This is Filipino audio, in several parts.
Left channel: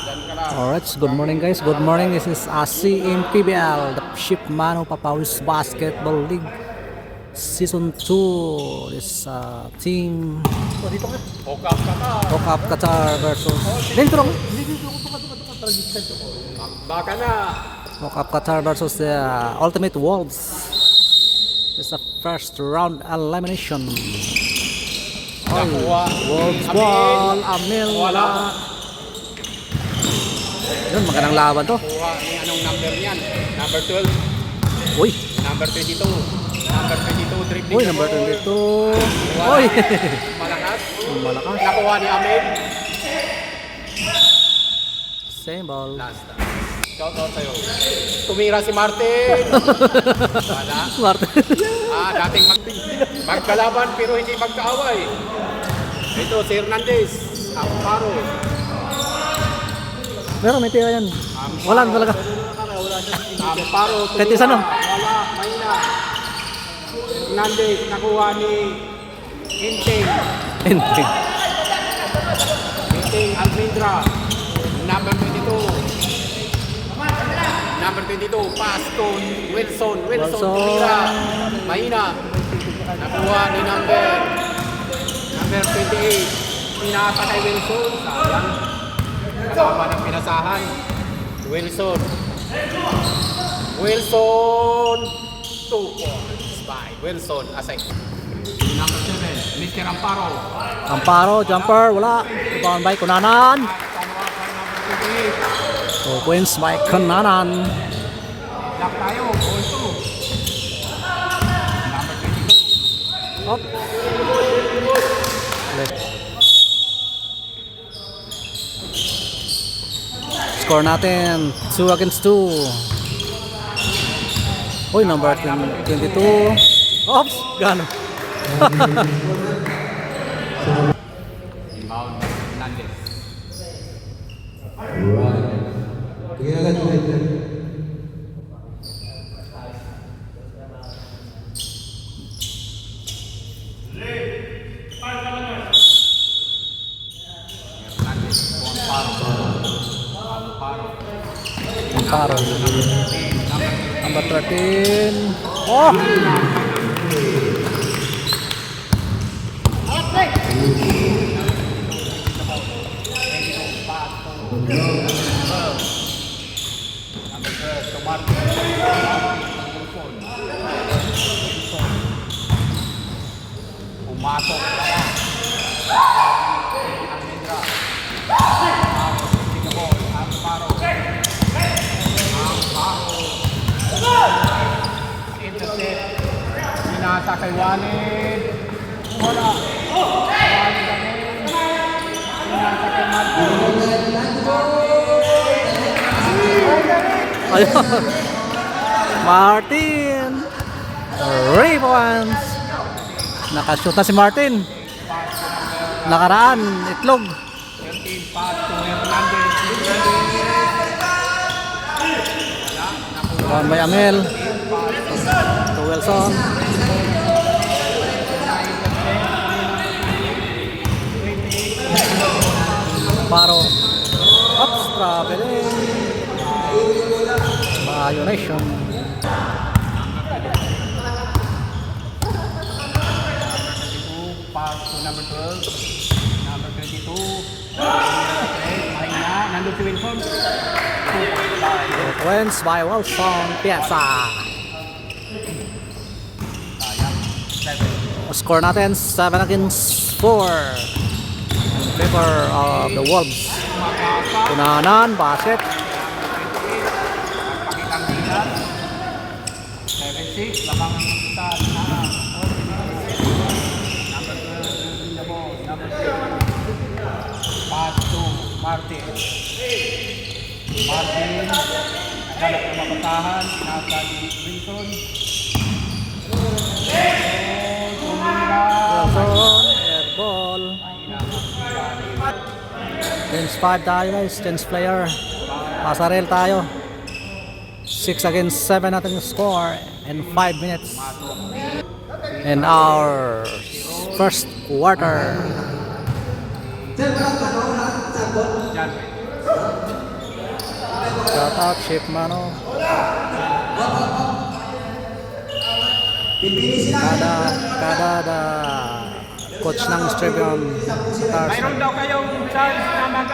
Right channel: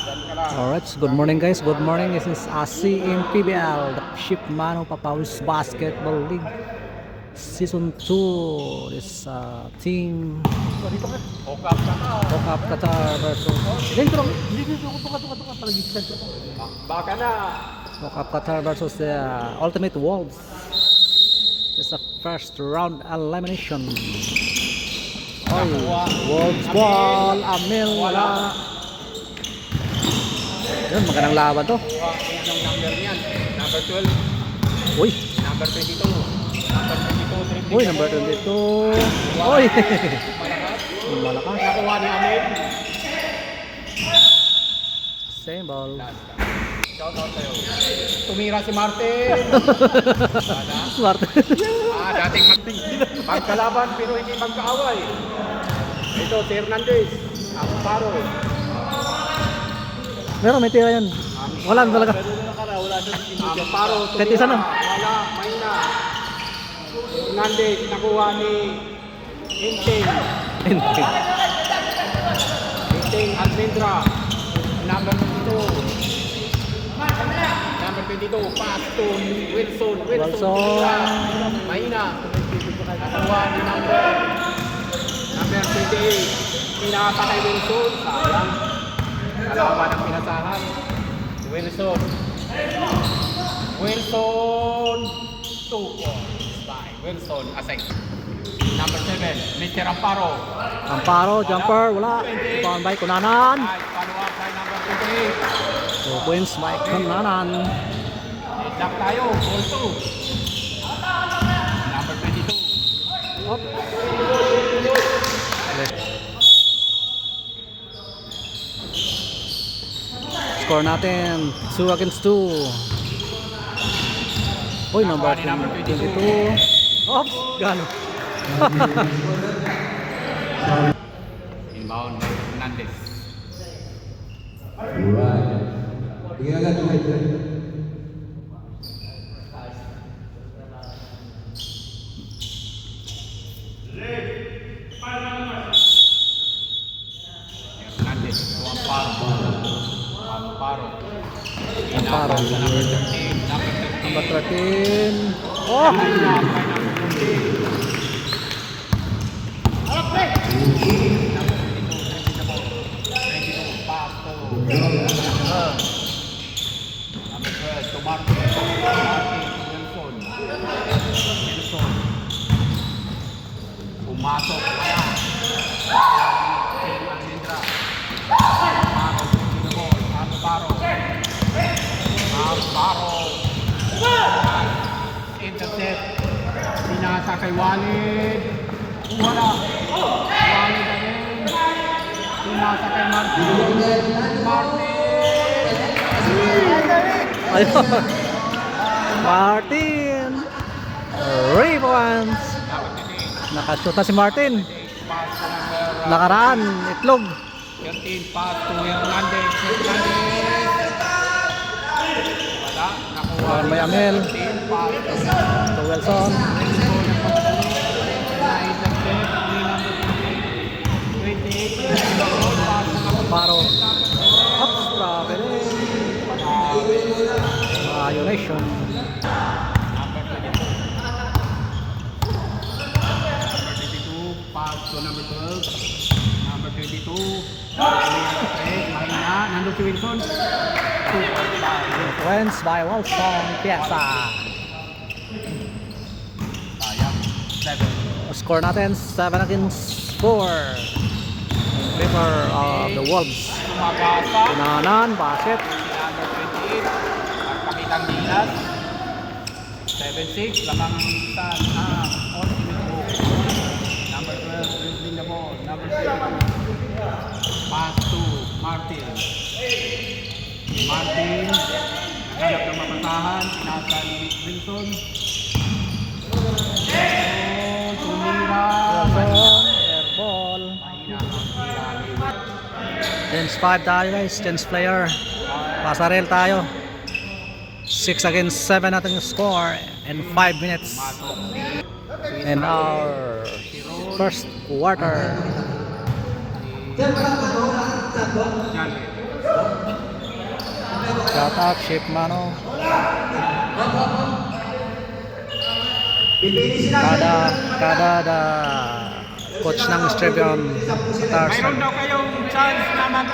Alright, good morning guys. Good morning. This is ASI PBL, the Ship Mano Papawis Basketball League Season 2. This team Hokap Qatar versus Hokap Qatar versus the Ultimate Wolves. This is the first round elimination. Oy, Wolves ball, Amil wala. Yun, magandang laban to. Anong number niyan? Number 12. Uy. Number 22. Number 22, dribbling. Uy, number 22. Uy. Malakas. Malakas. Nakuha ni Amid. Same ball. Last. Shout out sa'yo. Tumira si Martin. Smart. Dating magkalaban pero hindi magkaaway. Ito, si Hernandez. Ang paro. Meron, may tira yan. Wala na talaga. Ang paro. Tetis ano? Wala, mahina. Hernandez, nakuha ni Inteng. Hindi. Inteng Almendra. Number 22. Number 22, pass to Wilson. Wilson. Tira. Mahina. Nakuha ni number 28. Pinapa kay Wilson. Sayang. Nakuha ng pinasahan. Wilson. 2 points by Wilson Aseng. Number 7, Mr. Amparo. Amparo, jumper, wala. Rebound by Kunanan. Follow-up by number 2 points by Kunanan. 28. Lock tayo, ball 2. Number 22. Up. Score natin 2 against 2. Uy, number 22. Oops, gano. Inbound by Hernandez. Hernandez. Amparo. Amparo. Number 13. Oh! Pumasok pala. Intercept. Sinasa kay Walid. Wala. Walid ganun. Sinasa kay Ayun. Martin. Rebounds. Nakashoot na si Martin. Nakaraan, itlog. 13 pass to Hernandez. Rebound by Amel. To Wilson. Amparo. Ups, traveling. Violation. Pass to number 12. Number 22. Mahina. Nandun si Wilson. Wins by Wilson Piazza. Score natin 7 against 4 in favor of the Wolves. Kunanan, basket. Pakitang bilat. 7-6. Lamang sa number 12. Number 6. Pass to Martin. Martin. Naghanap ng mapasahan. Nasa ni Wilson. Wilson, air ball. Tense 5 tayo guys, tense player. Pasarel tayo. 6 against 7 natin yung score in 5 minutes. In our first quarter. Shout out, Chip Mano. Kada coach ng Strebion Stars. Mayroon daw kayong chance na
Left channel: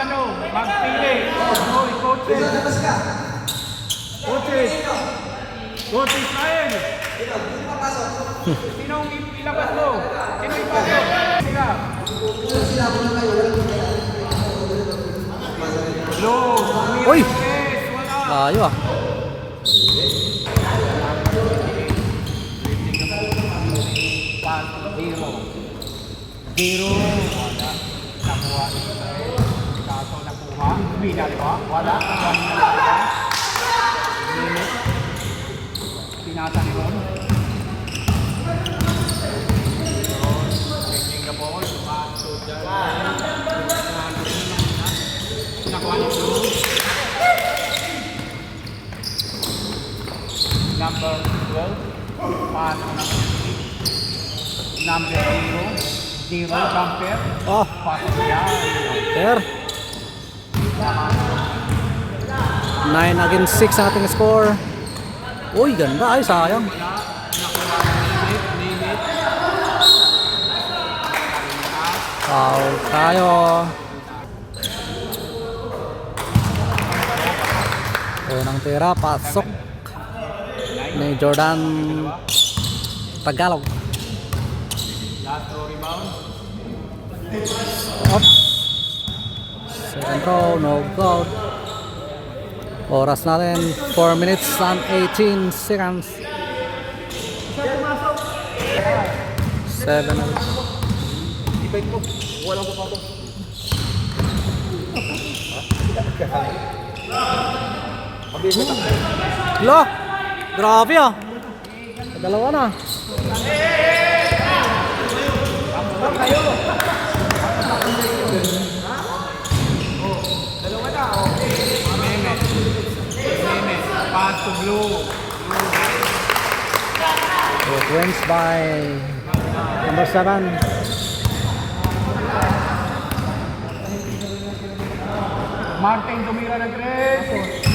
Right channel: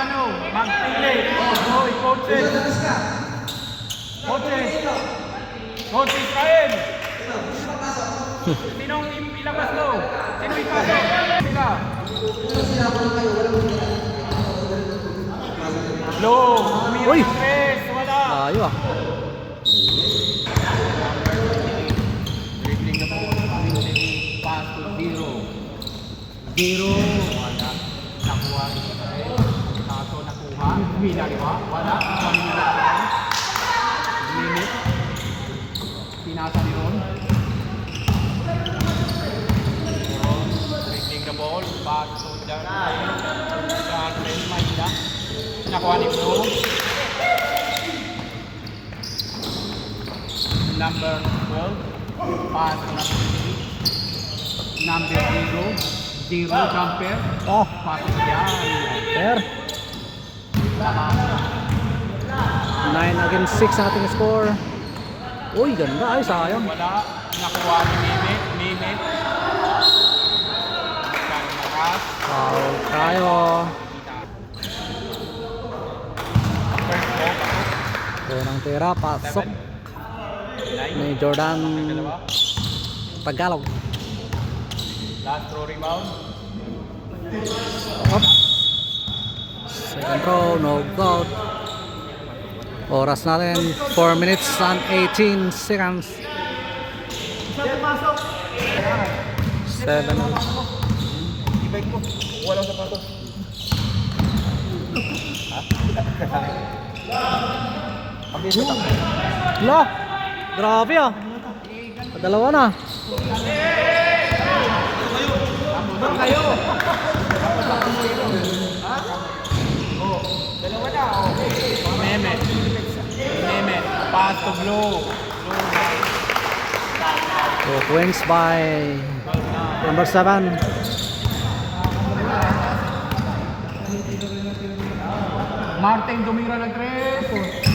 magpili. Hoy, coaches. Coaches tayo. Sinong ilabas mo? Sino ilabas? Sila. No. Uy! Wala. Layo ah. Zero. Wala. Nakuha. Kaso nakuha. Binagawa. Wala. Minute. Tinatalon. Taking the ball. Pass to the nakuha ni Bro. Number 12. Pass to number 0. Zero jumper. Oh, Pass to fair. 9 against 6 ang ating score. Uy, ganda ay sayang. wala. Nakuha ang limit. Foul tayo. Unang tira, pasok ni Jordan Tagalog. Last throw rebound. Up. Second row, no goal. Oras natin 4 minutes and 18 seconds. 7 na. Ibay ko. Walang sapatos. Lo! Grabe ah! Dalawa na. Mehmet. Pass to Blue. So, wins by number 7. Martin tumira ng 3.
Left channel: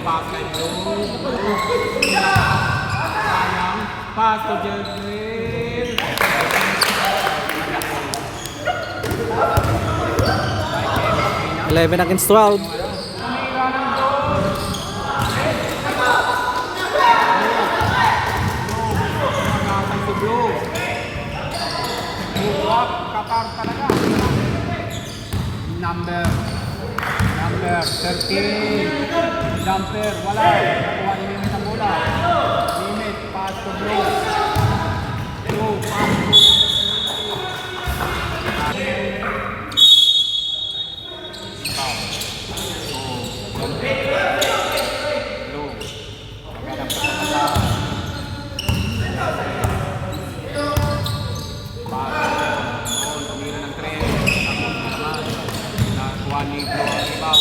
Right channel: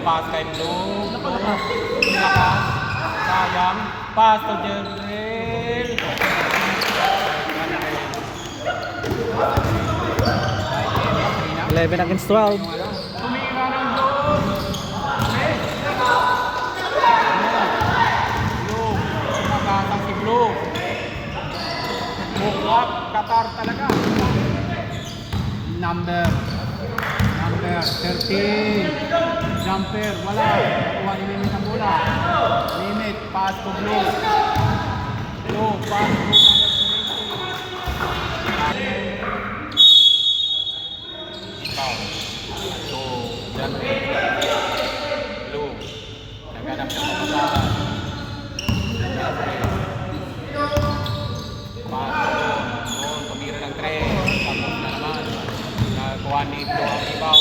Pass kay Blue. Sayang. Pass to Jerry. 11 against 12. Tumira ng Blue. Si Blue. Buwak. Qatar talaga. Number 13. Jumper. Wala. Kuha ni Mehmet ang bola. Limit. Pass to Blue. No. Pass to tumira ng 3. Nakakuha ni Ibaw.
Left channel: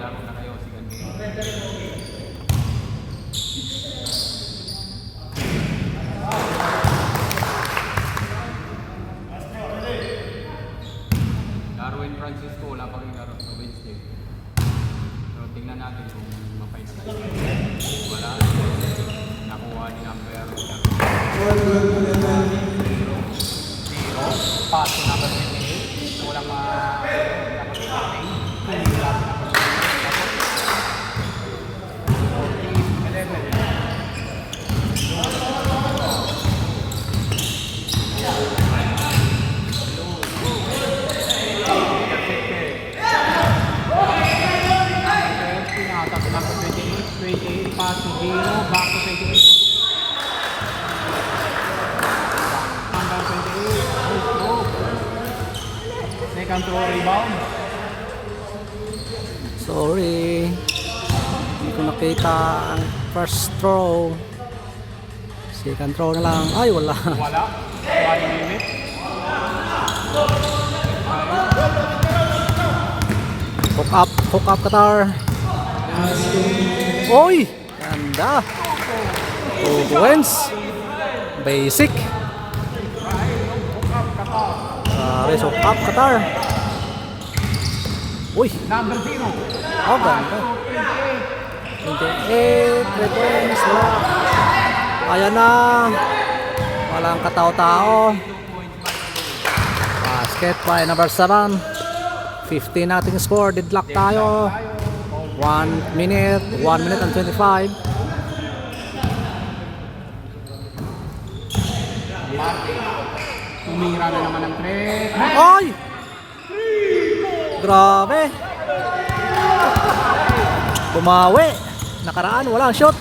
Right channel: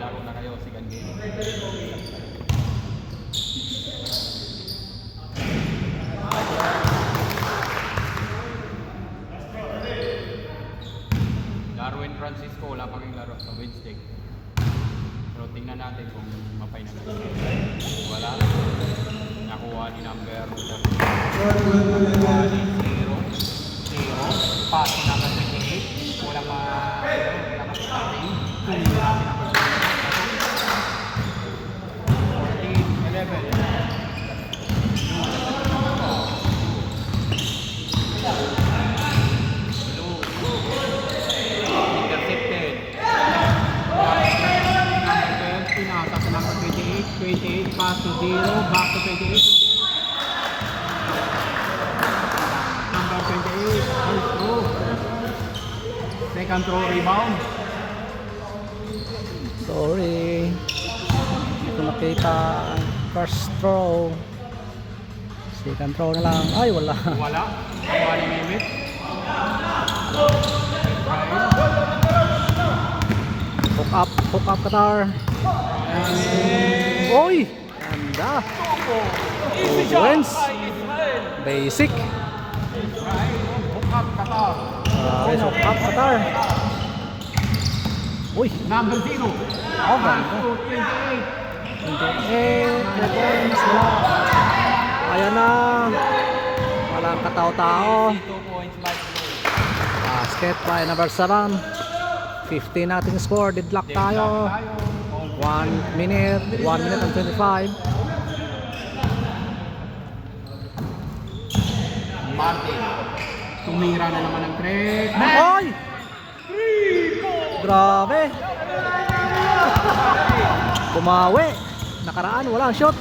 Laro na kayo si Ganyan. Darwin Francisco, wala pa rin laro sa Wednesday. So tingnan natin kung mapay na. Wala. Nakuha ni number 0. Pass to number 28. Walang pass to 0, back to 28. Number 28, goes through. Second throw rebound. Sorry. Hindi ko nakita ang first throw. Second throw na lang. Ay, wala. Wala. 1 minute. Hook up Qatar. Oy! Ganda. 2 points. Basic. Race of up Qatar. Uy, Number 0. oh ganda. 28, 3 points, wala. Ayan na. Walang katao-tao. Basket by number 7. 15 nating score. Deadlock tayo. 1 minute and 25. Tumira na naman ng 3. Ay! Grabe. Bumawi. Nakaraan, walang shot.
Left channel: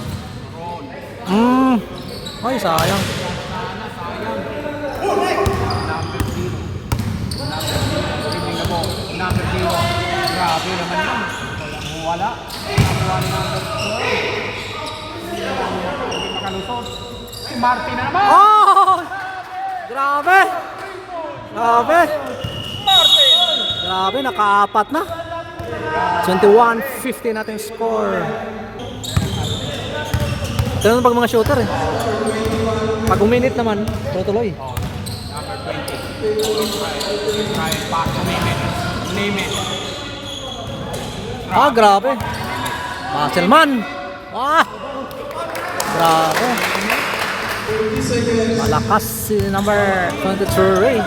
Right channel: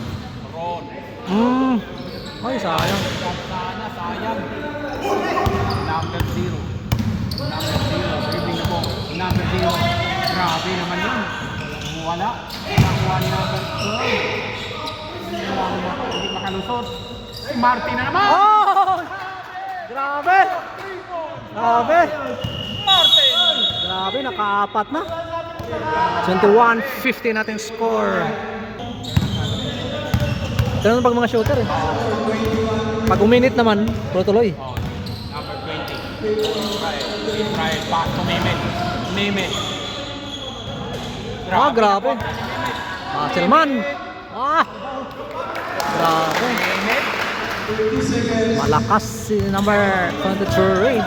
Ay, sayang. Number 0. Grabe naman yun. Wala. Nakuha ni number 12. Hindi makalusot. Si Martin na naman. Oh! Grabe. Grabe. Grabe, nakaapat na. 21-50 natin score. Ganun pag mga shooter eh. Pag uminit naman, tutuloy. Try back to name it. Ah, grabe. Muscleman. Ah! Grabe. Malakas si number 23.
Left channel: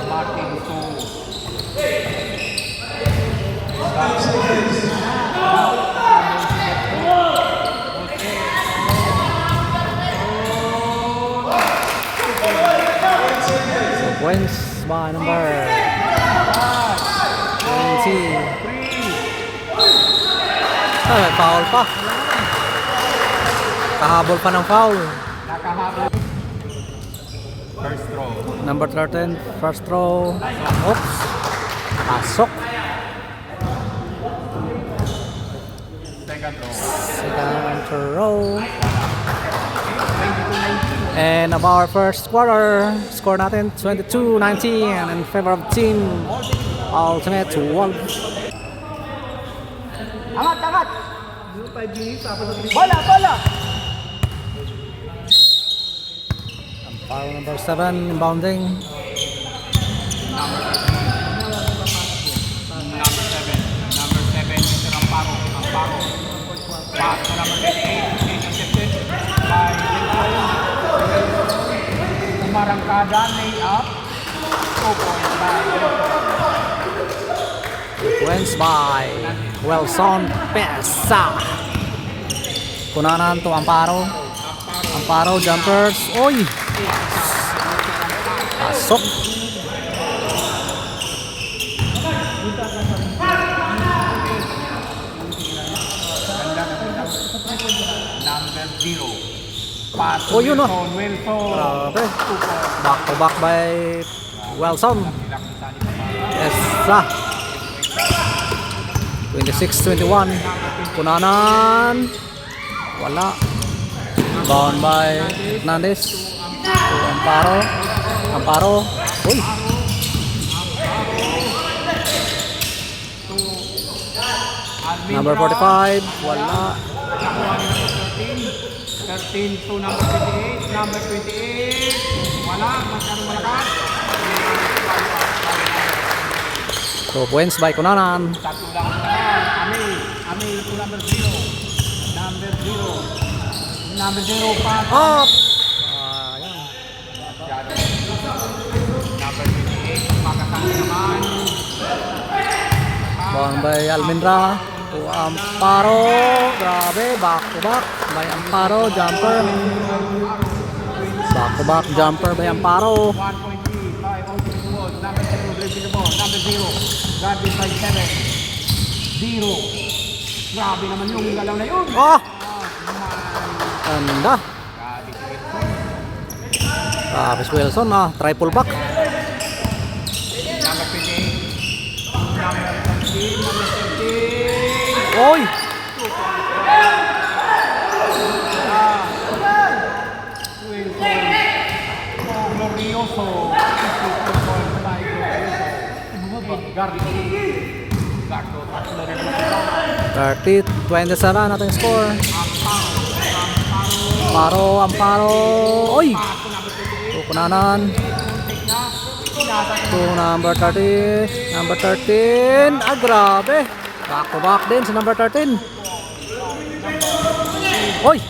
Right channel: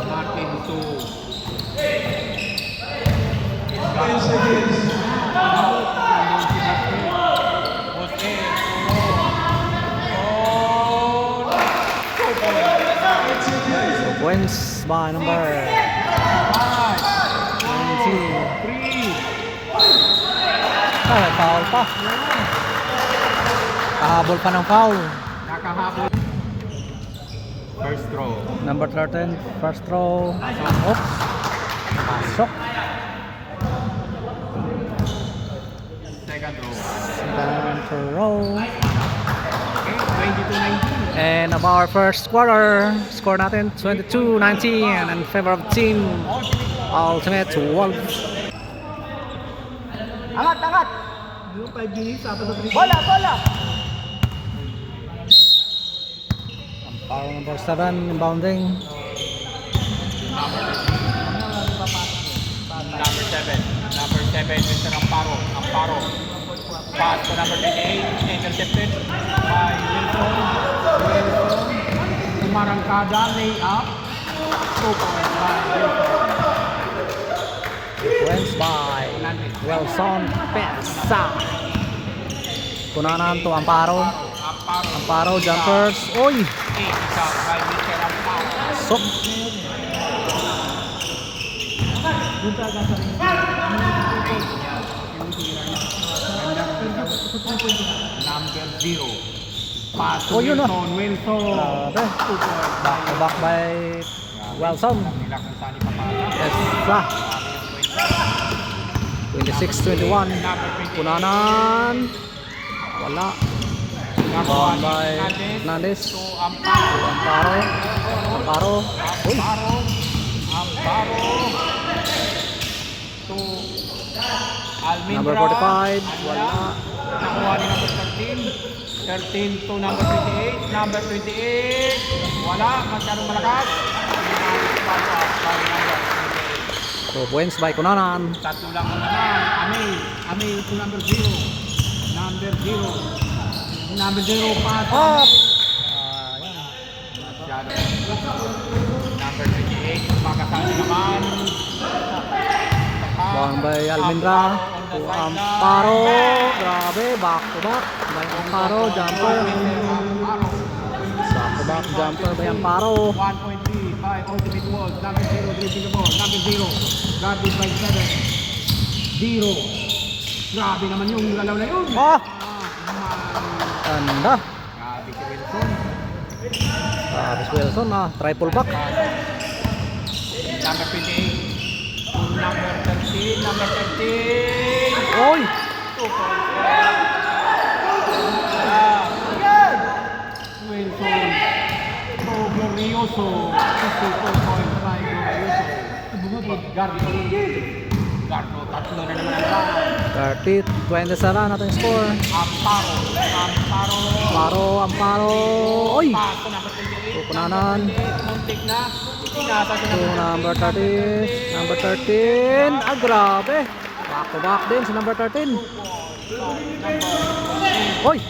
Martin to Points by number 20. Ah, may foul pa. Kahabol pa ng foul. nakahabol. First throw. Number 13, first throw. Oops. Pasok. Second throw. Second throw. 22-19. And of our first quarter, score natin 22-19 in favor of team Ultimate Wolves. Angat! Bola! Foul number 7 inbounding. Number 7, Mr. Amparo. Pass to number 28, intercepted by Lincoln. Marangkada, lay up. 2 points by Wins by Wilson Pesa. Kunanan to Amparo. Amparo jumpers. Oy! Pasok. Number 0. Pass to Oh, yun, Wilson. Grabe. Back to back by Wilson. Pesa. 26-21. Kunanan. Wala. Bound by Hernandez. To Amparo. Uy. Number 45. Wala. 13 to number 28. Number 28. Wala. Magkano malakas? 2 points by Kunanan. Tatlo lang naman. Amil to number 0. Number 0 pass. Up! Ayan. Number 28. Makasama naman. Bound by Almendra. To Amparo. Grabe. Back to back by Amparo. Jumper. Back to back jumper by Amparo. 1.3 by Ultimate World. Number 0 dribbling the ball. Number 0. Guarded by 7. 0. Grabe naman yung galaw na yun. Ah! Ganda. Grabe si Wilson. Travis Wilson triple back. Number 28. Number 13. Oy! Wilson. Oh, glorioso. 54 points by Wilson. Bumubog. Gardo. 30-27 natin score. Amparo. Oy! Tukunanan. To number 30. Number 13. Ah, grabe. Back to back din sa number 13. Oy!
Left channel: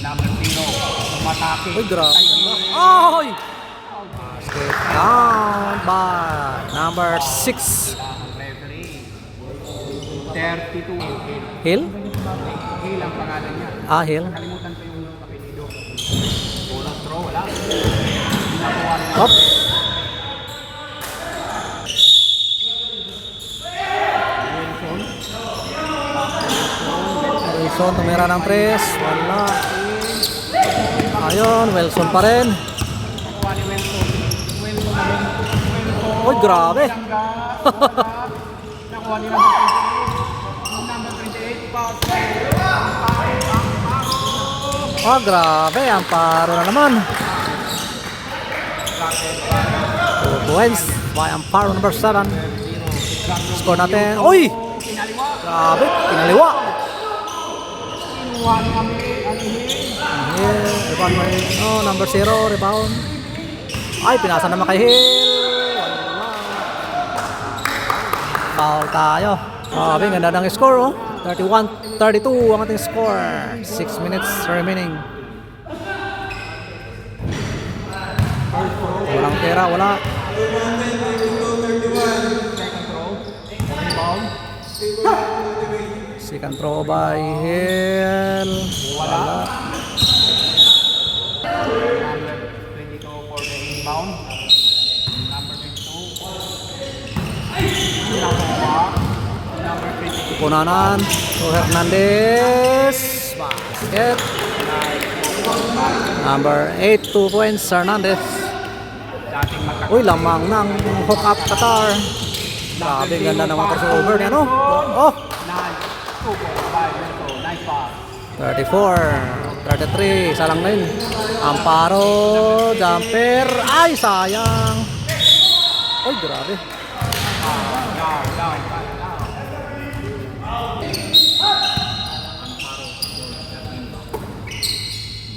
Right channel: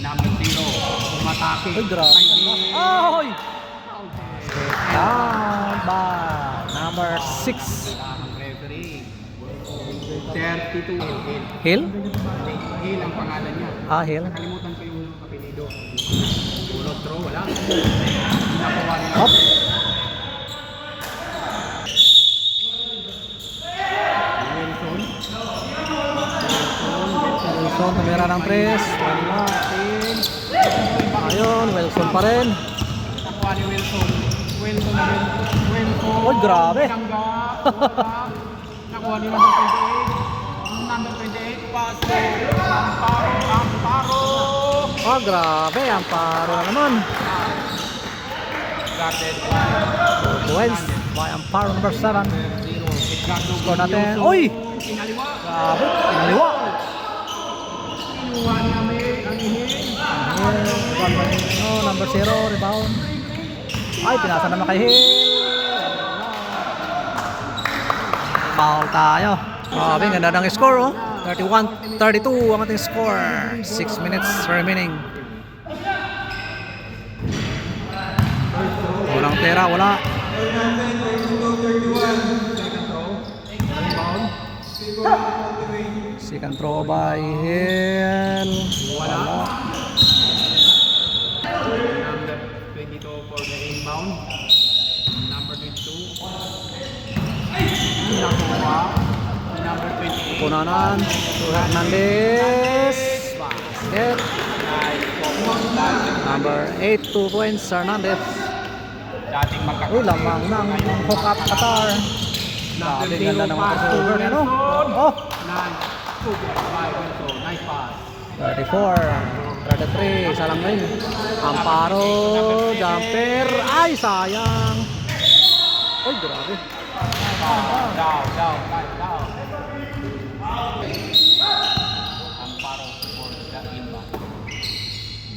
Number 0, umatake. Oy, grabe. Oy! Step down by number 6. Referee. 32. Hill? Hill ang pangalan niya. Ah, Hill. Kalimutan ko yung apelido. Puro throw, wala. Up. Wilson, tumira ng press. Wala. Ayun, Wilson pa rin. Uy, grabe. Nakuha ni number 28. Number 28, Amparo. Oh, grabe. Amparo na naman. 2 points by Amparo number 7. Score natin. Uy! Grabe. Pinaliwa. Kinuha ni ang Hill. Rebound by number 0. Rebound. Ay, pinasa naman kay Hill. Foul tayo. Grabe, ganda ng score, oh. 31-32 ang ating score. 6 minutes remaining. Walang pera, wala. Second throw by Hill. Wala. Number 22 for the inbound. Number 22. Nakuha. Number 20. Punanan. To Hernandez. Basket. Number 8, 2 points. Hernandez. Dating Uy, lamang ng hook up Qatar. Grabe, ganda ng mga crossover niya, no? Oh! nice pass. 34, 33, isa lang ngayon. Amparo, jumper. Ay, sayang. Uy, grabe. Down.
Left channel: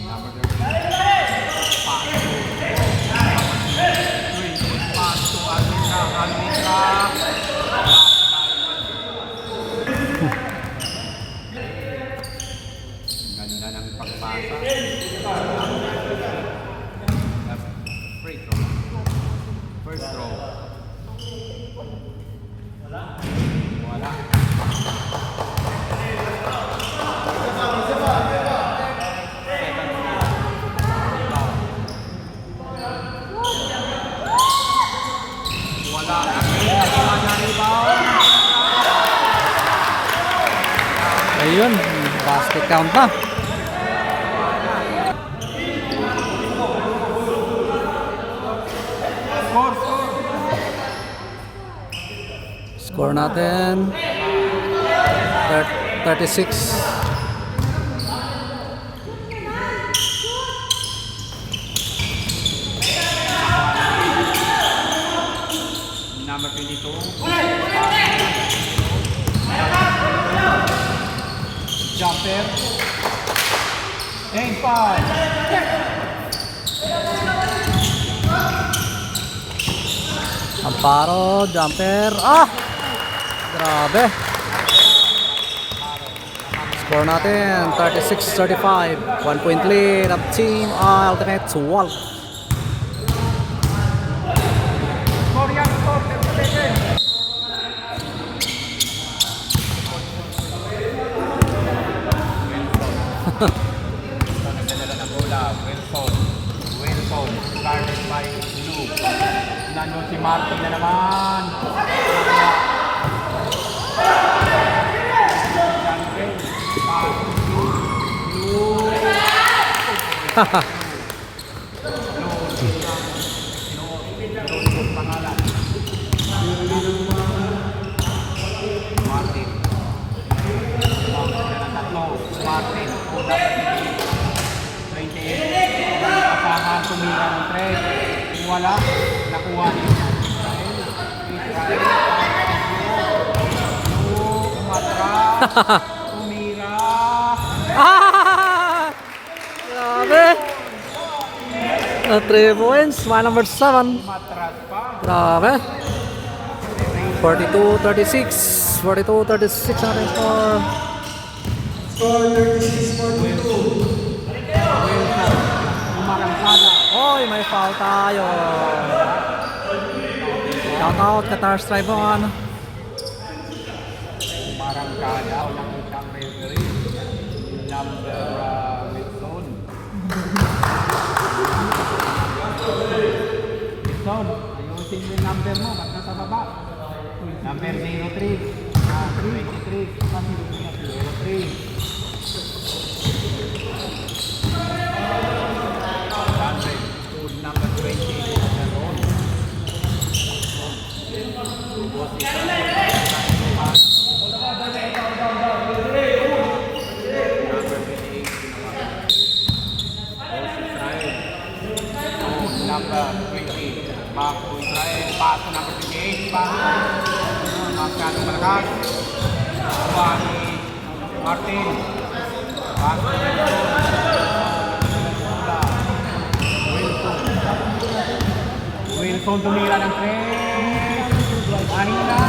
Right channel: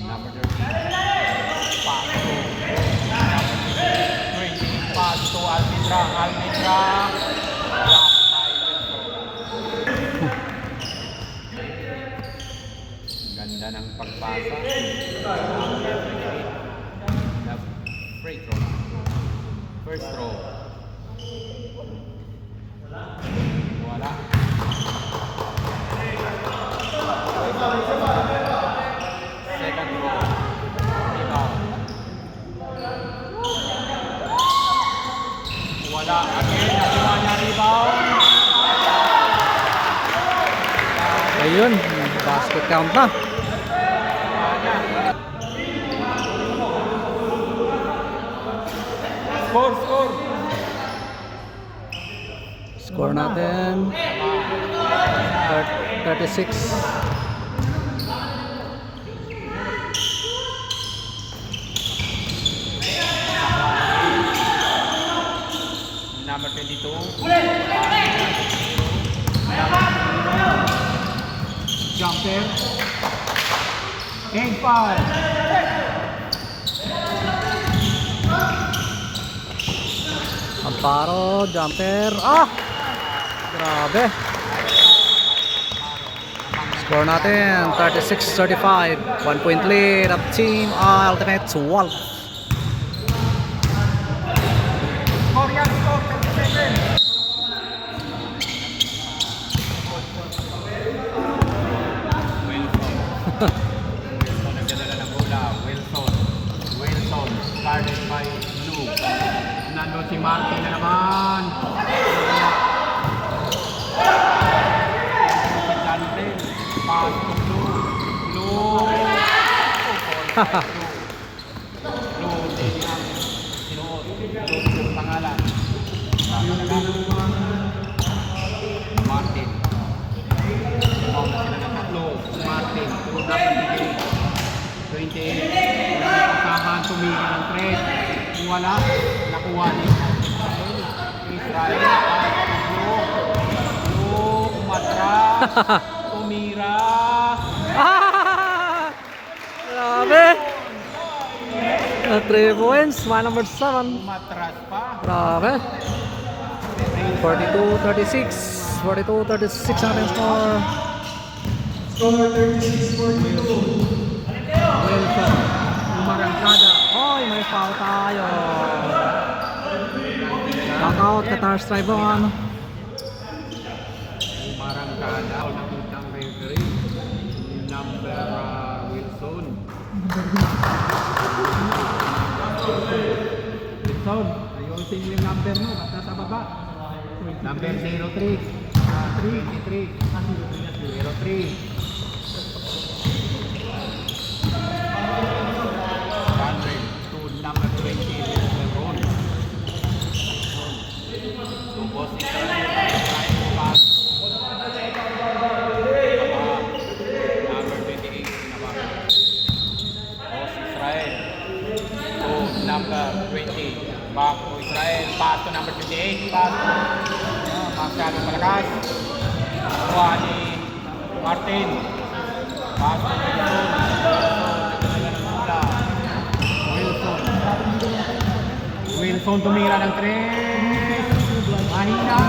Number 13. Pass to Almendra. Ganda ng pagpasa. Free throw. First throw. Wala. Ayun, basket count na. Score natin 36. Number 22. Jumper. And 5. Amparo, jumper. Ah! Grabe. Score natin 36-35. 1 point lead of team Alternate Wolf. Nagdadala ng bola. Wilson. Guarded by Blue. Nandun si Martin na naman. Haha. Martin. dapat bigay 28. Nakasahan, tumira ng 3. Kung wala, nakuha ni Israel. Umatra. Tumira. Ah! Grabe! 3 points, my number 7. Umatras pa. Grabe. 42-36. 42-36 ang ating score. Wilson. Umarangkada. Oy, may foul tayo. Knockout, Qatar Stribon. Umarangkada. Unang isang referee. Number Wilson. Wilson, ayusin yung number mo. Nasa baba. Number 03. 23. 03. Number 20, back to Israel, pass to number 28, pass to Magkano Malakas, kuha ni Martin, pass to Wilson tumira ng 3, mahina.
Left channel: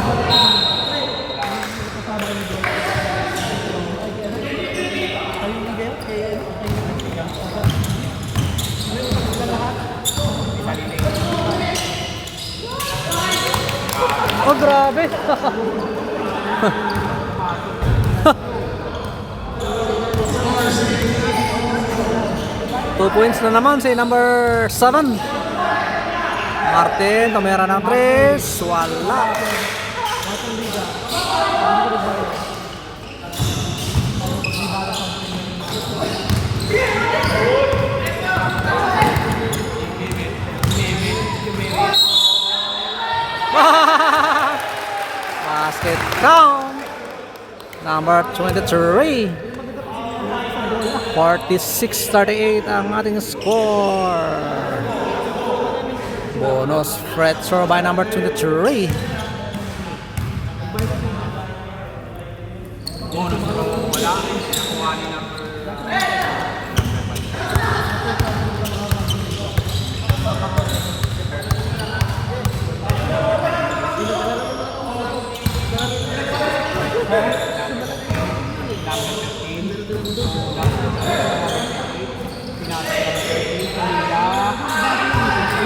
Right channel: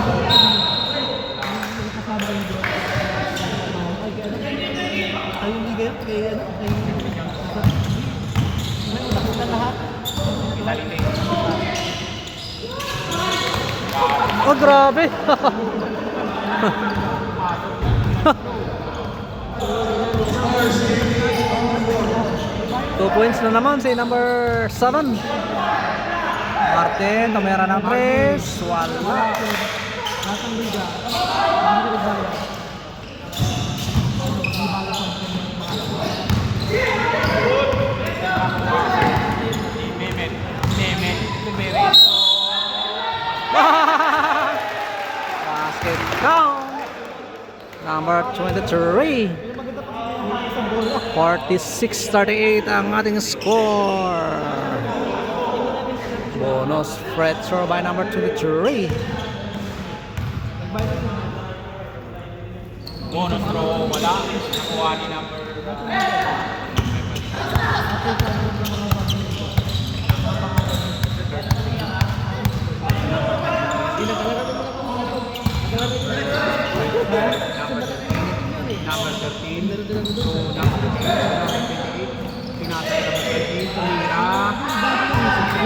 Oh, grabe. 2 points na naman si number 7. Martin, tumira ng 3. Wala. Basket down. Number 23. 46-38 ang ating score. Bonus free throw by number 23. Bonus throw, wala. Kuha ni number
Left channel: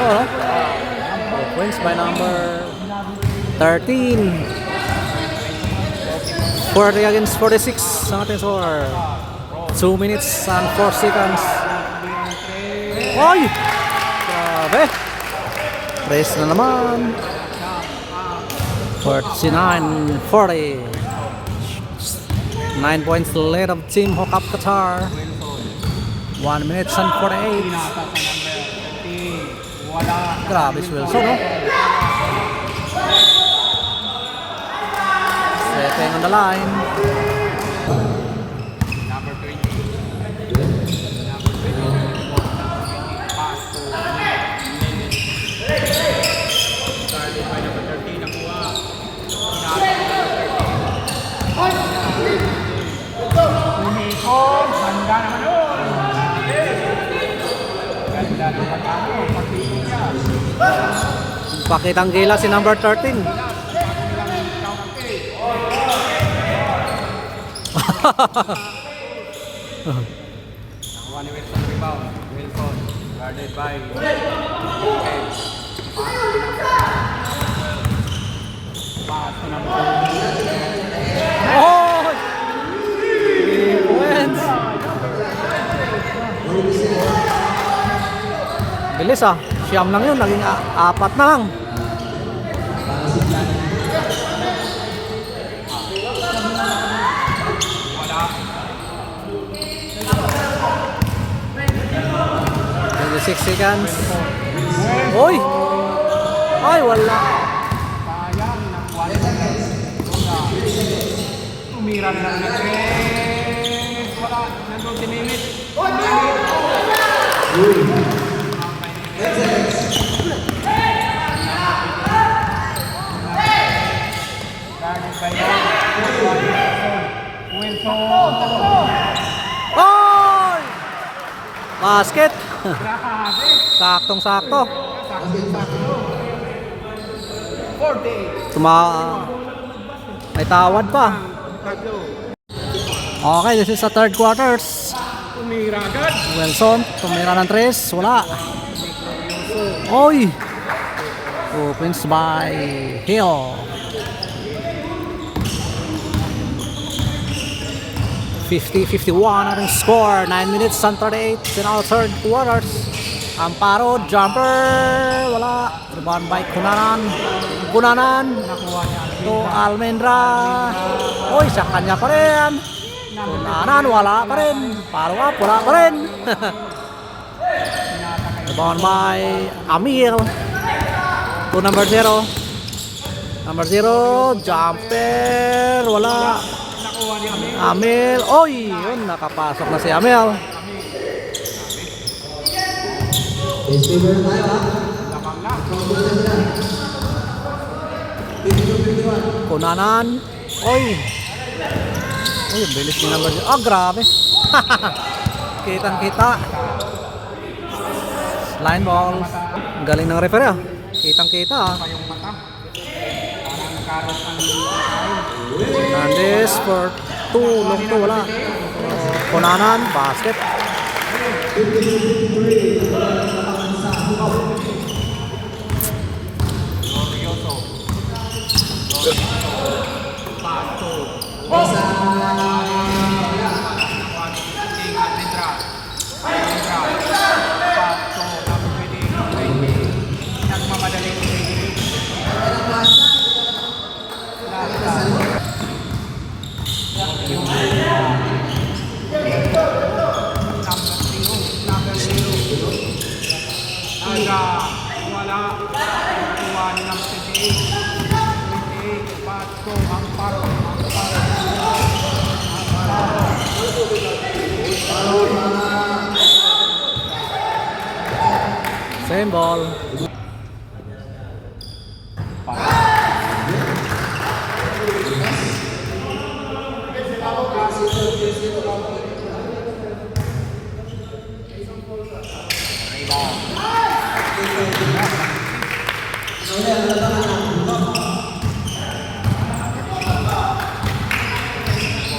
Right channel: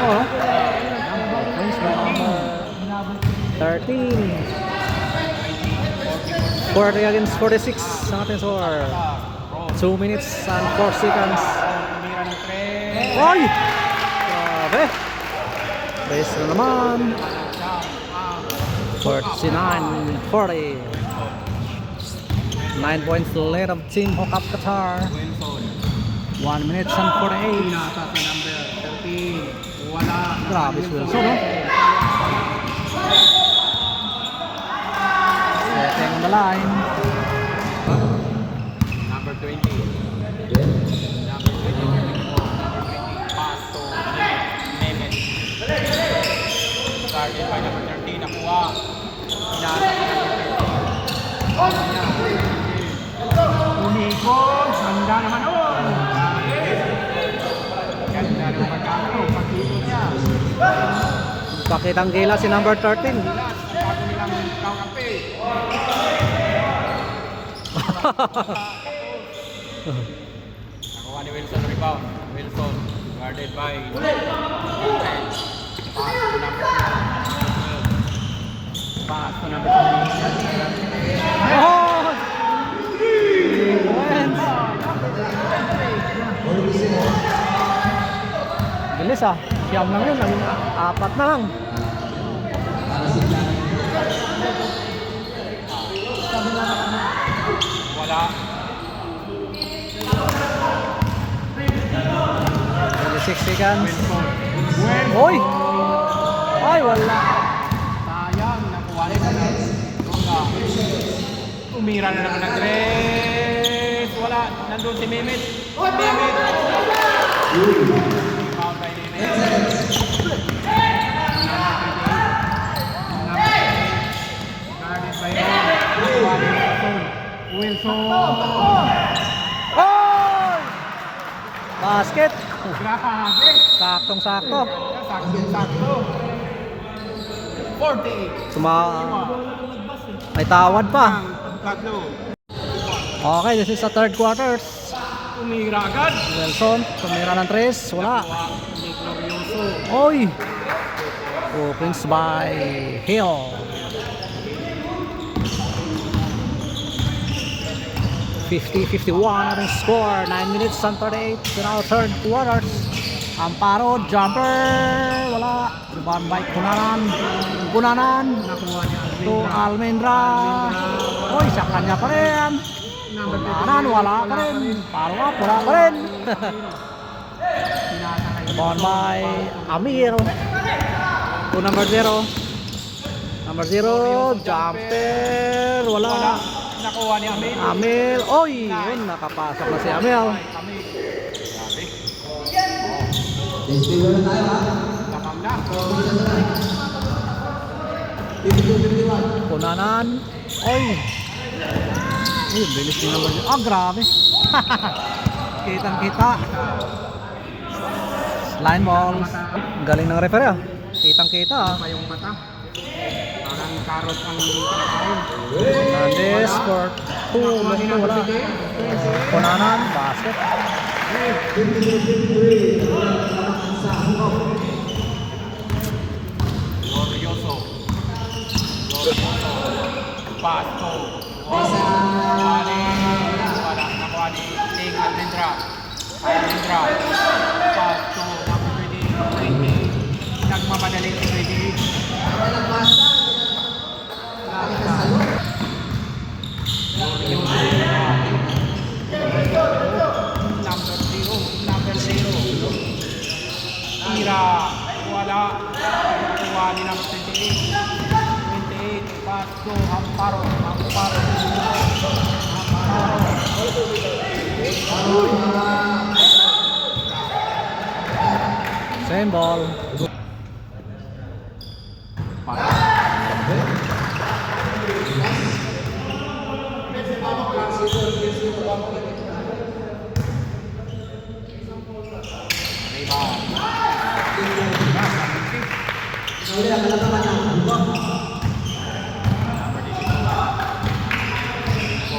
Oh, wins by number 13. 40 against 46 ang ating score. 2 minutes and 4 seconds. Oy! Grabe! Race na naman. 49-40. 9 points lead of Team Hookup Qatar. 1 minute and 48. Pinasa sa number 13. Wala. Grabe si Wilson, no? Setting on the line. Number 20. Umikot, handa naman doon. Handa naman pagkakit. Pakitang gila si number 13. One Wilson rebound. Wilson guarded by pass to number 2. Oh! 3 points. Bilis ah. Siyam lang yun. Naging 4 na lang. Wala. 26 seconds. Oy! Ay, wala. Sayang, nakuha na. Tumira na ng 3. Wala. Nandun si Meme. Foul by David. Guarded by Wilson. Oy! Basket! Berapa habis? Saktong-sakto. 48. May tawad pa. Tatlo. Okay, this is the third quarters. Tumira agad. Wilson, tumira ng tres. Wala. Oy! Opens by Hill. 50-51 ating score. 9 minutes and 38 in our third quarters. Amparo, jumper. Wala. Rebound by Kunanan. To Almendra. Oy, sa kanya pa rin. Kunanan, wala pa rin. Paro up, wala pa rin. Rebound by Amir. To number 0. Number 0, jumper. Wala. Nakuha ni Amir. Amel, oy, yun, nakapasok na si Amel. Kunanan, oy. Ay, bilis ni number 0. Ah, grabe. Kitang-kita. Line balls. Galing ng referee ah. Kitang-kita ah. Pa yung mata. Parang karot ang Hernandez for 2, long 2, wala. Kunanan, basket. Pasto. Nakuha ni King Almendra. Pasto. Nagmamadali ni Pwede. Number 0. Tira. Wala. Nakuha ni ng 28. Pasto. Amparo. Same ball.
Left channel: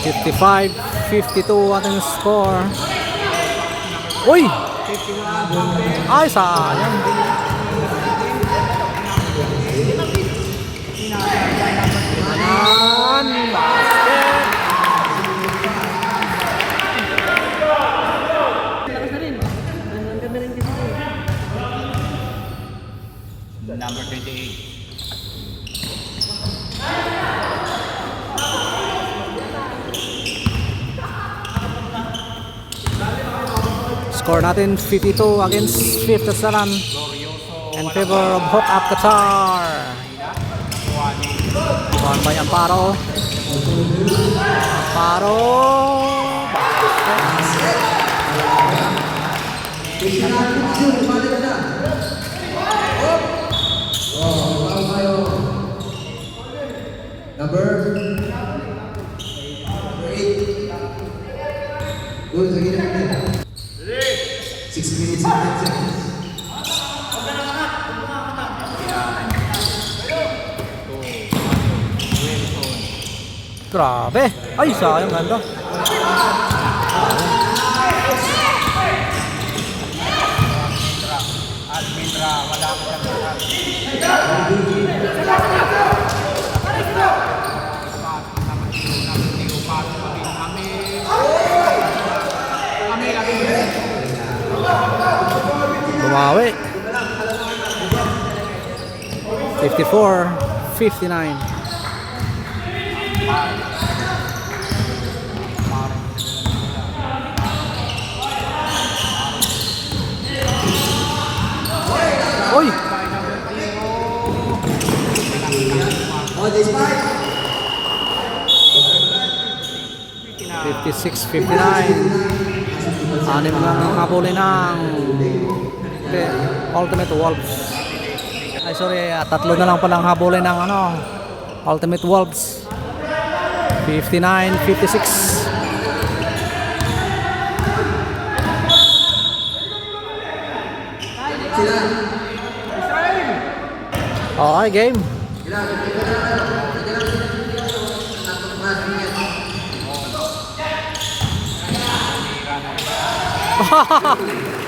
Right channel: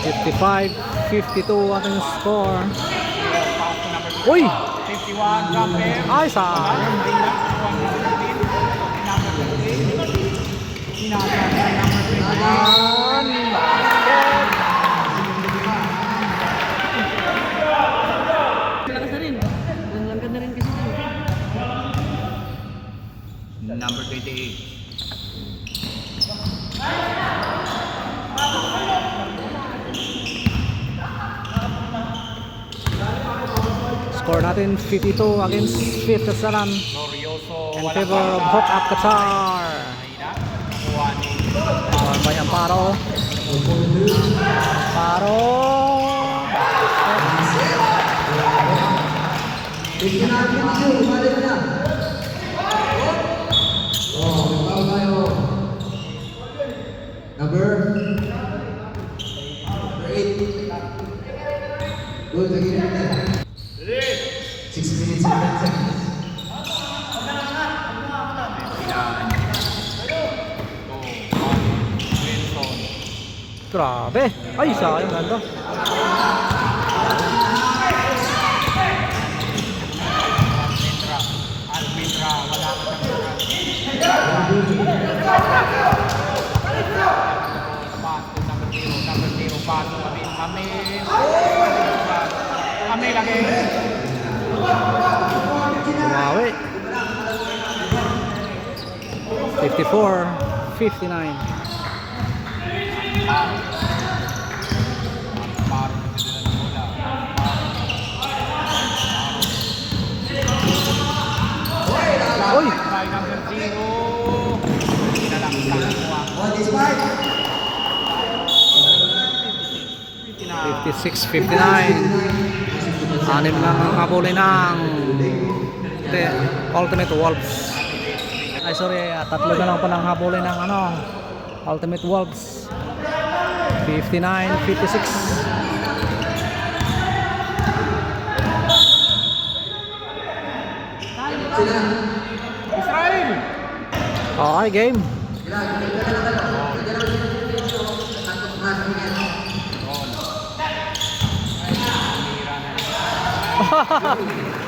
Fifty-five, 52 ating score. Uy! 51. Campbell. Ay, sayang. Kunanan, basket. Number 28. Score natin 52 against 57 in favor of Hook Up Qatar. Gone by Amparo. Amparo. Number 8. Good, again. 6 minutes and 10 seconds. Grabe. Ay, sayang ganda. Almendra. Wala sa Bumawi. 54-59. Oy! 56-59. Anim ng habulin ng Ultimate Wolves. Ay sorry, tatlo na lang palang habulin ng Ultimate Wolves. 59-56. Okay, game.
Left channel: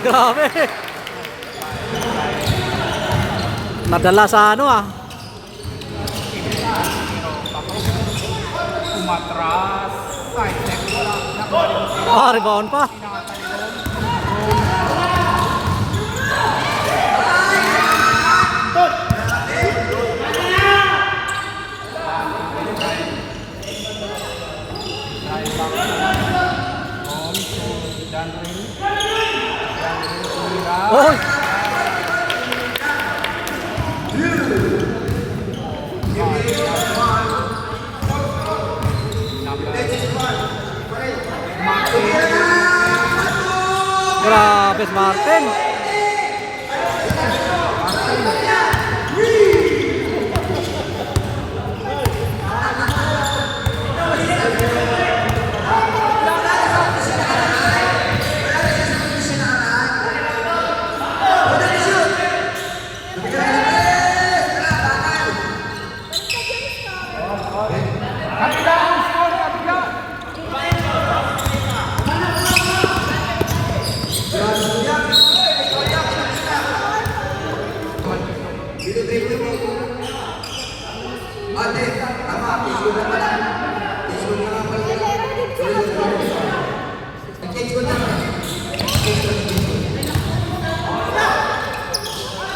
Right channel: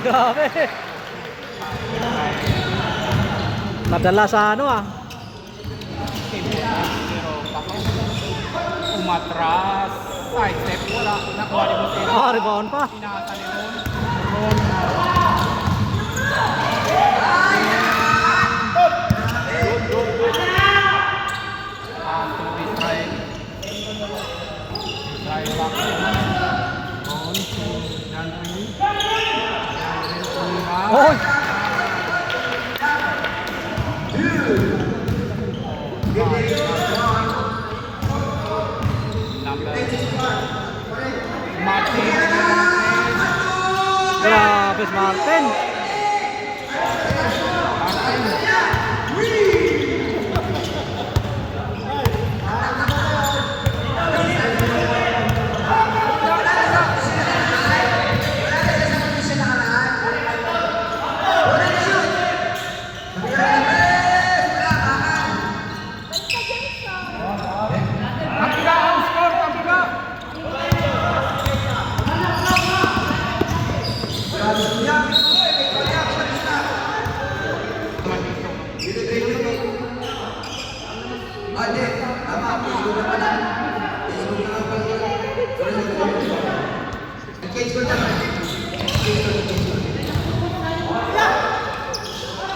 Grabe. Nadala sa Umatras. Ay, step mo lang. rebound pa. Oy! Grabe, Martin.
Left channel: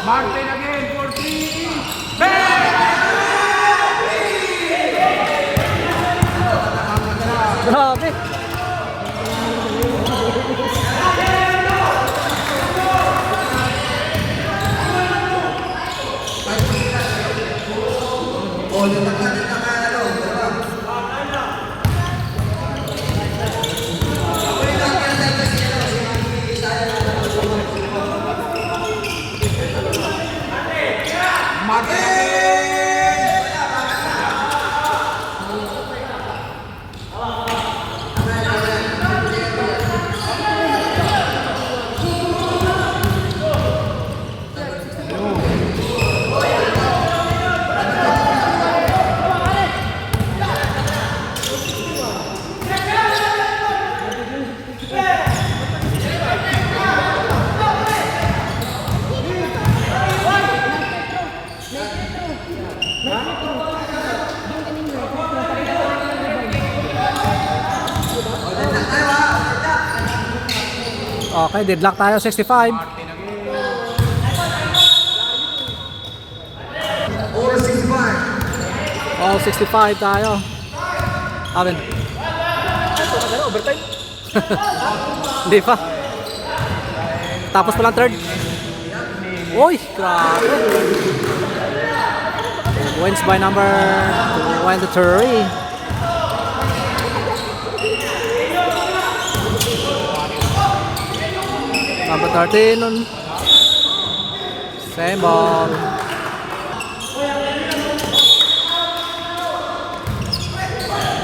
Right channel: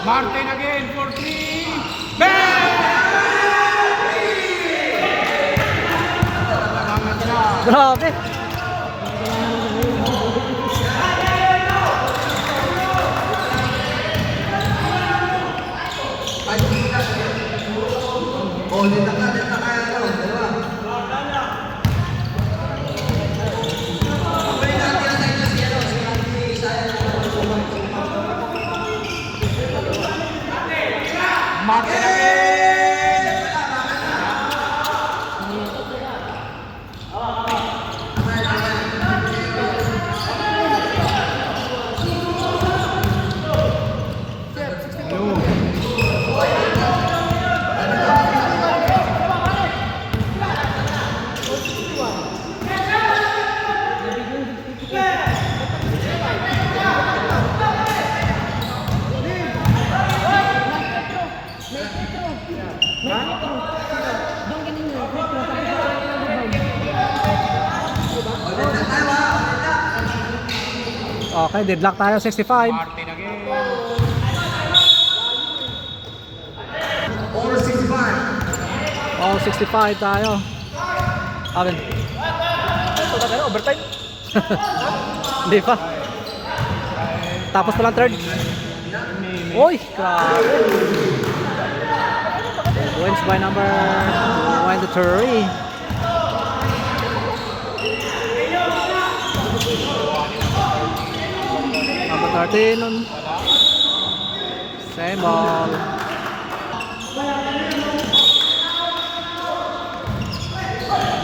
Martin again for 3. Bang! Grabe. Martin again! Okay, deadlock tayo 65. Martin again. All 65 tayo. Alin? Hindi pa. Tapos pa lang third. Uy, grabe. Wins by number 23. Number 13 nun. Same ball.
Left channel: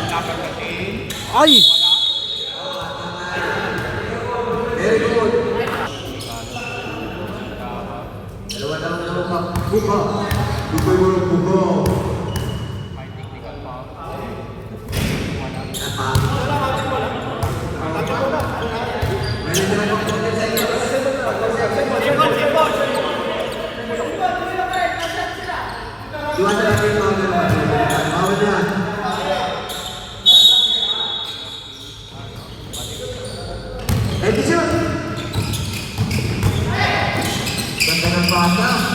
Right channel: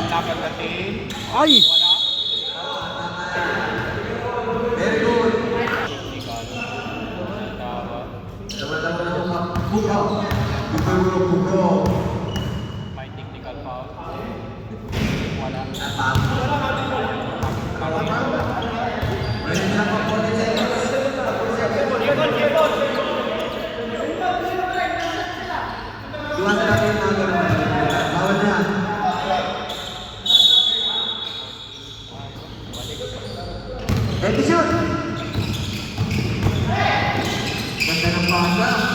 Number 13. Ay! May technical foul.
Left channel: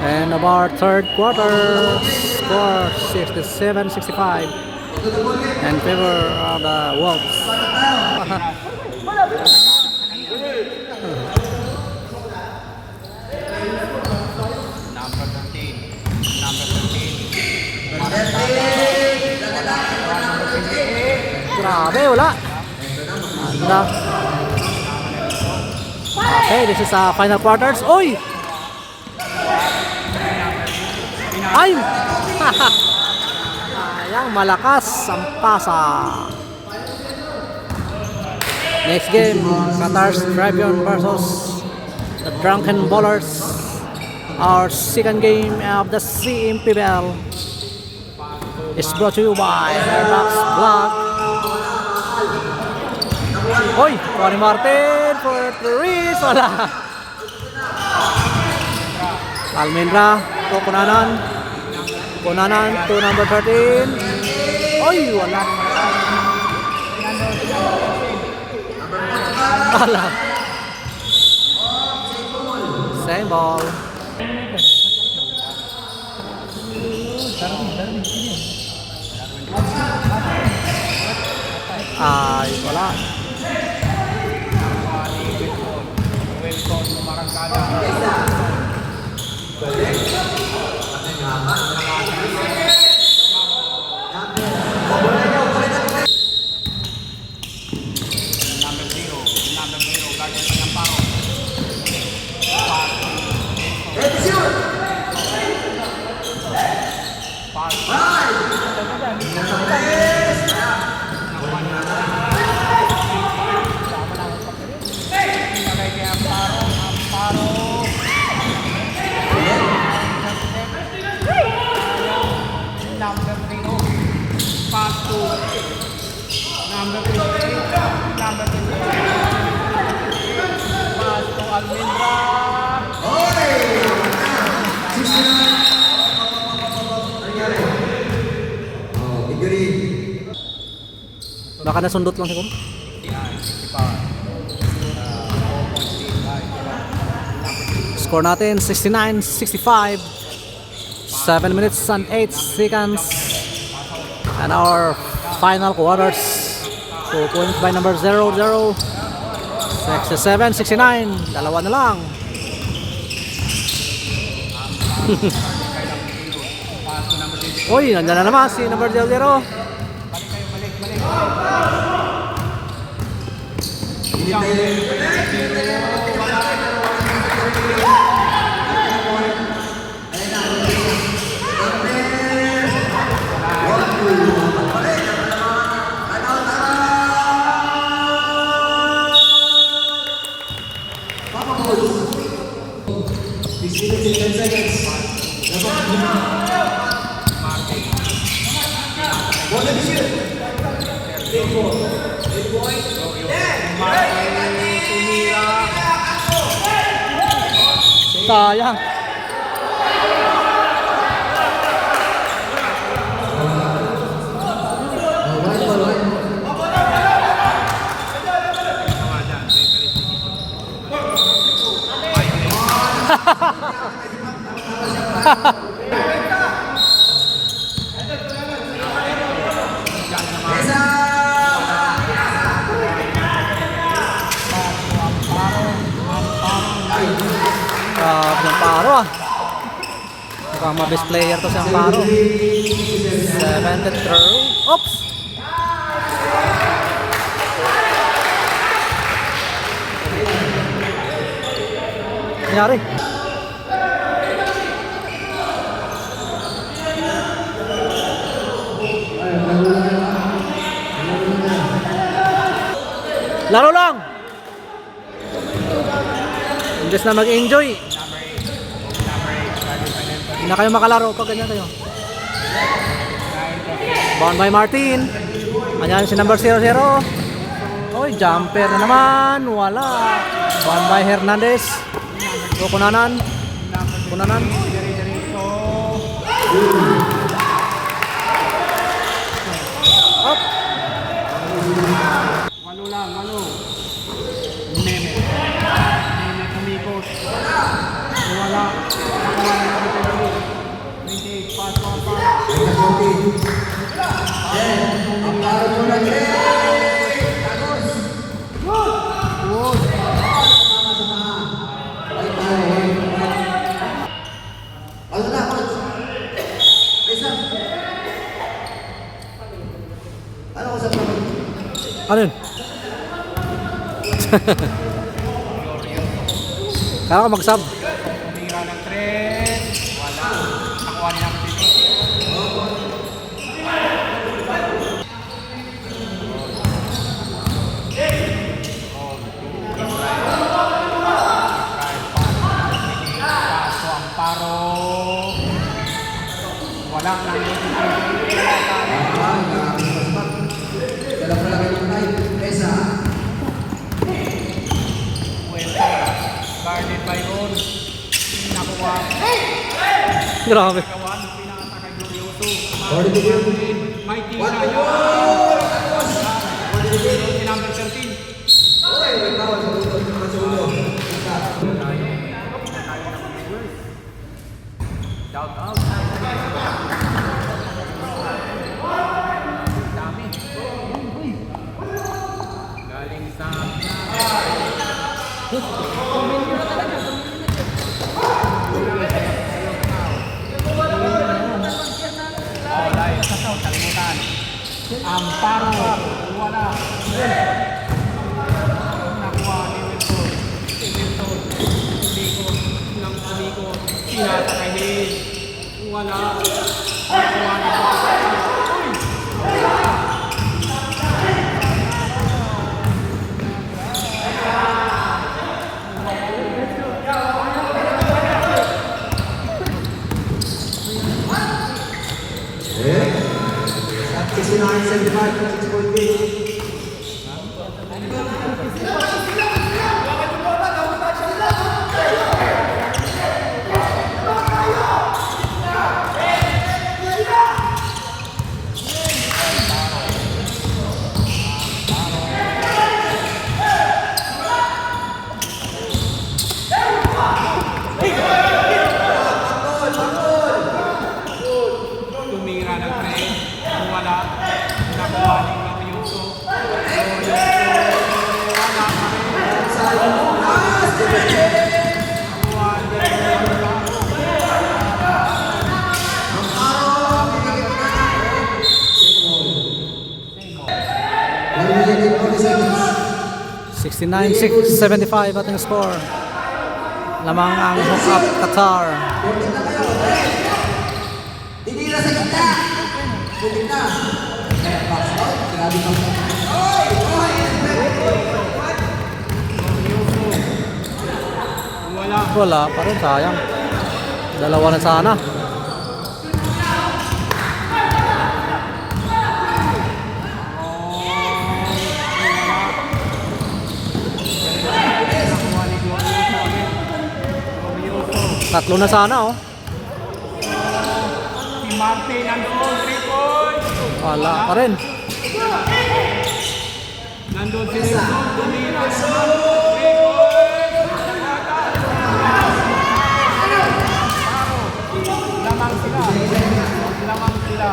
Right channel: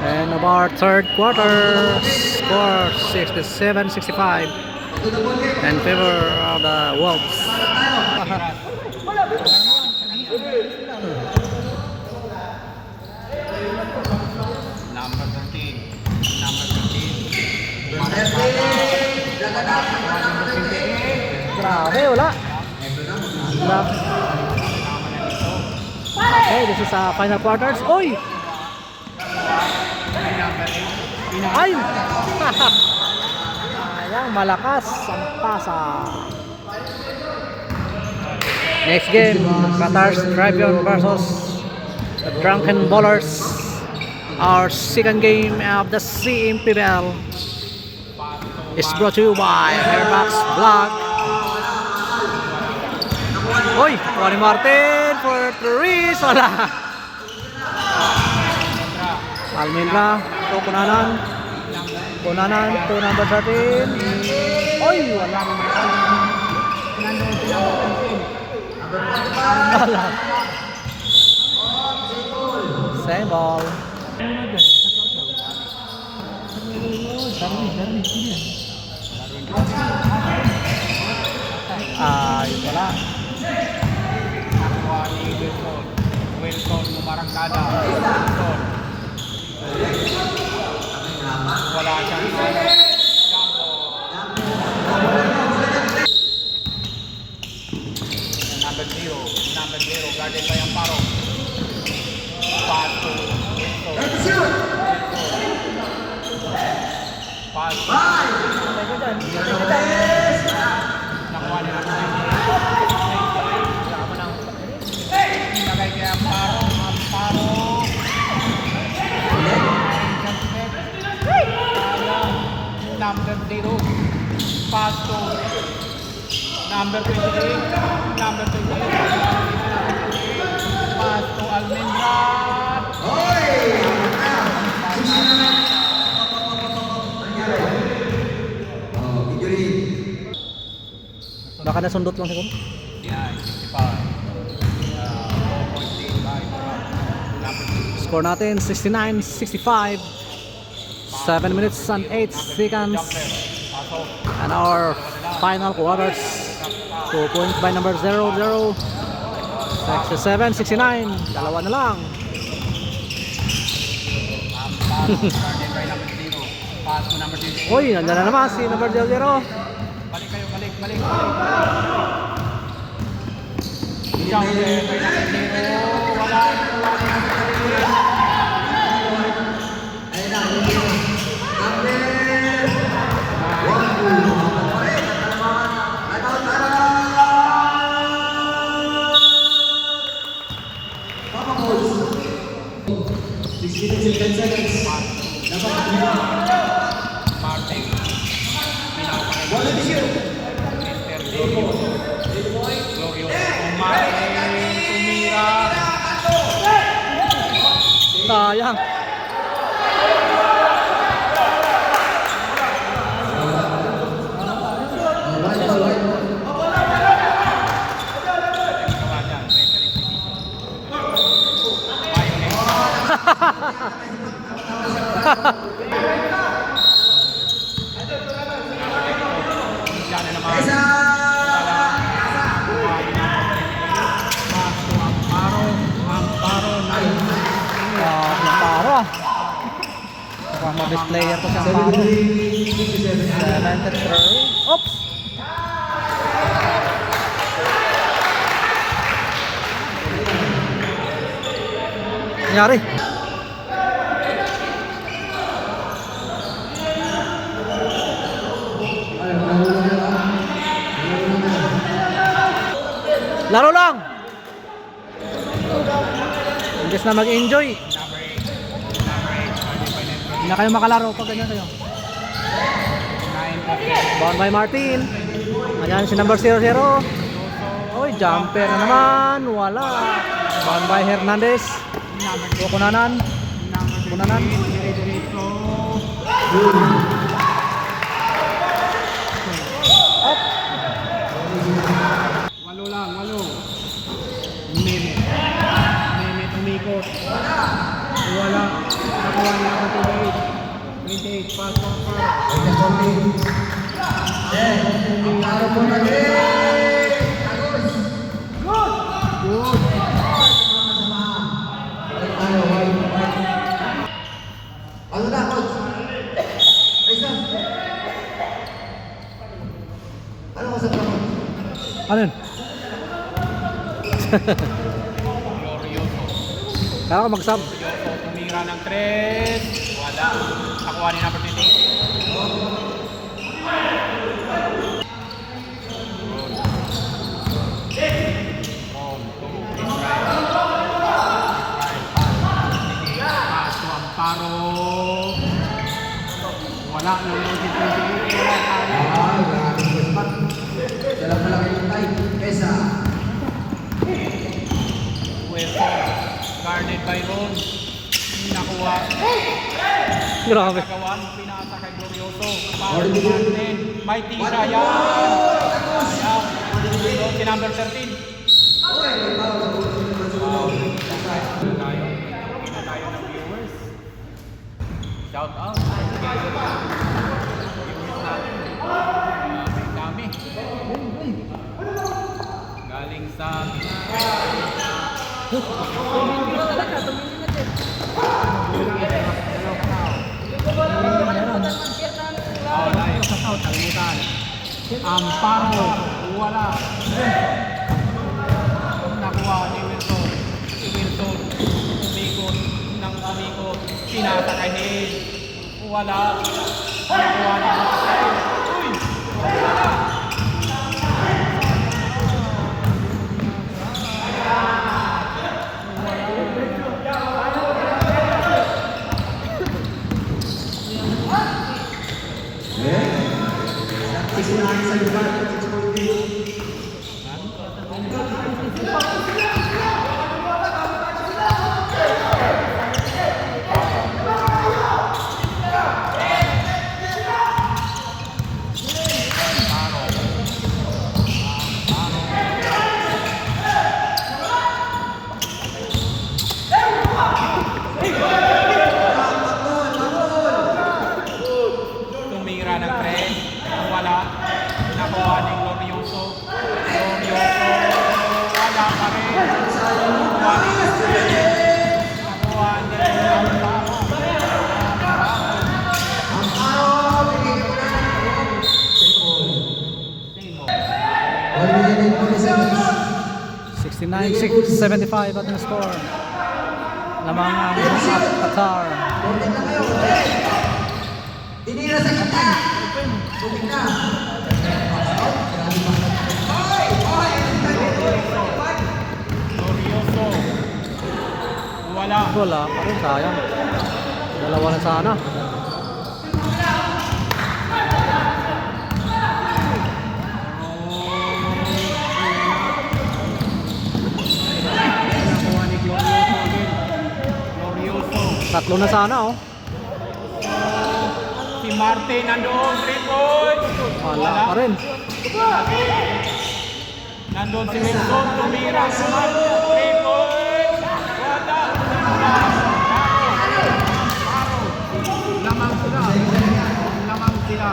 And of our third quarter, score 67-65 in favor of the Wolves. Okay, wala. Wala. Okay, this is final quarters. Oy! Ay! Ayang malakas ang pasa. Next game, Qatar's Tribune versus the Drunken Ballers. Our second game of the CMPBL is brought to you by Airbox Vlog. Oy! Juan Martin for Therese. Wala. Almendra to Kunanan. Kunanan to number 13. Oy! Wala. Wala. Same ball. Ay, wala. Number 28, number 28. Pass to Almendra. Baka nasundot lang siguro. Score natin 69-65. 7 minutes and 8 seconds. And our final quarters. 2 points by number 00. 67-69. Dalawa na lang. Uy, nandiyan na naman si number 00. Sayang. Yung paro ah. Mukhang mabis player to siyang paro. 73. Oops! Nangyari? Laro lang! Imbes na mag-enjoy. Hindi na kayo makalaro pag ganyan kayo. Bound by Martin. Ayan si number 00. Oy, jumper na naman. Wala. Bound by Hernandez. So, Kunanan. Kunanan. Up. Malo lang, malo. Meme. Meme tumikot. Wala. 28, pass mo pa. Ano yun? Kaya ako mag-sub. Tumira ng 3. Wala. Nakuha ni number 28. Paso ang paro. Wala nang Dalam palagi ng live. Pesa. guarded by Rose. Nakuha. Grabe. Gawan, pinasa kay Glorioso. Martin, mighty siya yan. Si number 13. Shout out. Dami. Galing sa live. Kalimutan. Ang paro. Wala. Nakuha ni Wilson. Si Wilson. Likod ng umikot. Pinasa kay Hayes. Wala. Nakuha ni tumira ng 3. Wala. Nakuha ni Glorioso. Wala pa rin. Nakuha ni 69-75 ating score. Lamang ang Hookup Qatar. Tinira sa kita. Bumita. Wala. Wala pa rin, sayang. Dalawa na sana. Nakuha ni Glorioso. Tatlo na sana, oh. Si Martin nandoon. 3 points. Wala pa rin. Nandun si Wilson. Tumira. 3 points. Lamang sila. Lamang sila.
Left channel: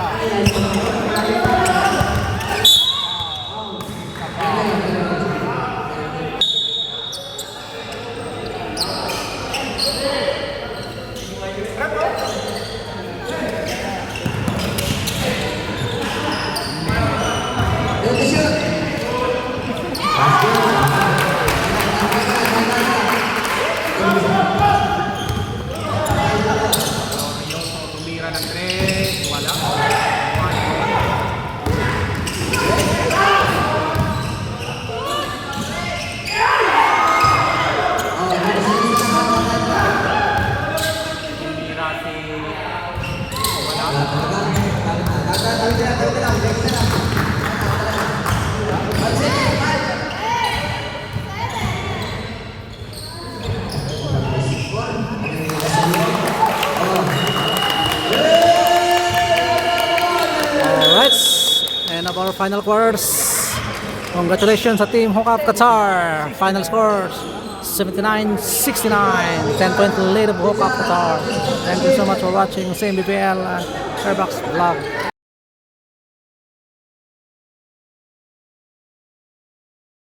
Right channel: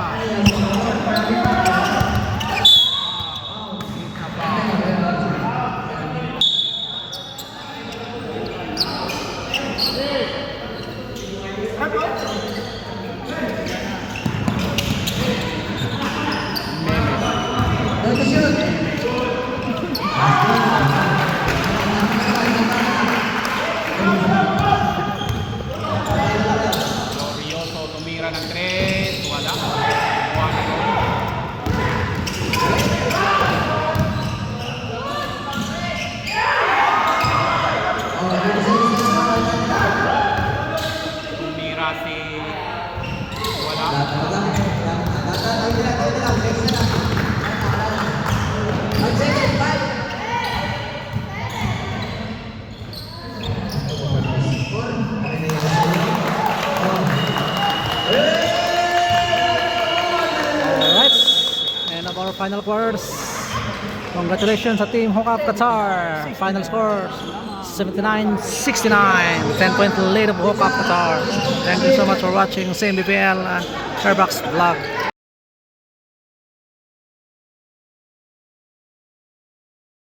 Glorioso tumira ng 3. Wala. Tumira si Alright. And of our final quarters. Congratulations sa Team Hookup Qatar. Final score 79-69. 10-point lead of Hookup Qatar. Thank you so much for watching CMBPL and Airbox Vlog.